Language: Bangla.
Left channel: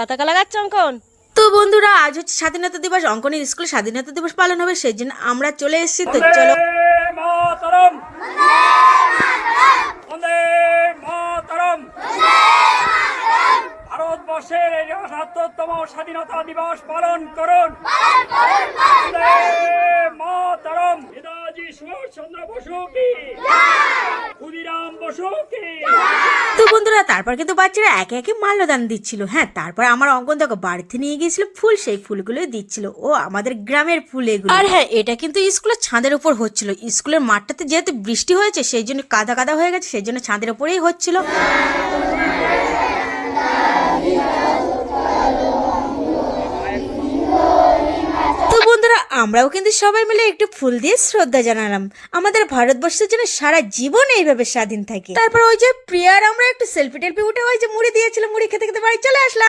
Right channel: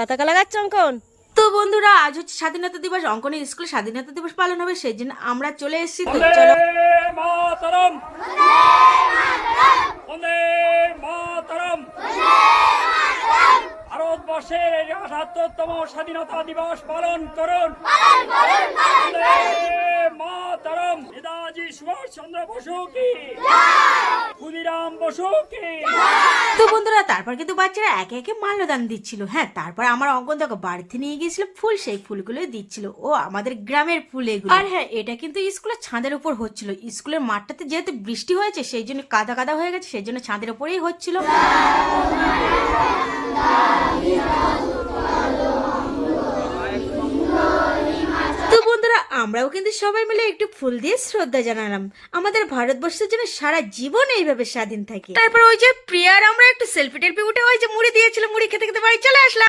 পতাকা লাগাচ্ছ অঙ্কন? তো বন্ধুরা, আজ হচ্ছে স্বাধীনতা দিবস। অঙ্কনের স্কুলে স্বাধীনতা দিবস পালন হবে, সেই জন্য আমরা চলে এসেছি। তো বন্দে চলো। মাতরম, বন্দে মাতরম। ভারতবর্ষের এই ৭৮তম স্বাধীনতা দিবস পালন করুন। বন্দে মাতরম। নেতাজি সুভাষ চন্দ্র বসু কি, ক্ষুদিরাম বসু কি। তো বন্ধুরা, তারপর কিন্তু বাচ্চারা একে একে মাল্যদান দিচ্ছিল। হ্যাঁ, তারপর আমার অঙ্কন দেখো বাড়িতে নিয়ে গিয়েছিল ফুল, সেই ফুলগুলোই দিচ্ছিল। ও আমাদের গ্রামের ফুল এগুলো। আর হ্যাঁ, এটা কিন্তু স্কুলের ছাদের উপর হচ্ছিল। স্কুলের মাঠটাতে যেহেতু বৃষ্টি হয়েছে, সেই জন্য কাদা কাদা হয়ে গেছে, সেই জন্য ছাদের উপরেই হচ্ছিল। তো বন্ধুরা, আমরাও কিন্তু সবাই মিলে একটু ফুল দিয়ে শ্রদ্ধা জানালাম আমাদের ভারতবর্ষের জন্য সারা জীবন এইভাবে স্বাধীন থাকে। তারপর ওই যে প্রিয়ার আমরা একটু সেলফি টেলফি উঠে ওই যে মুড়ি দিয়েছিল, মুড়ি খেতে খেতে বাড়ি চলে আসলাম।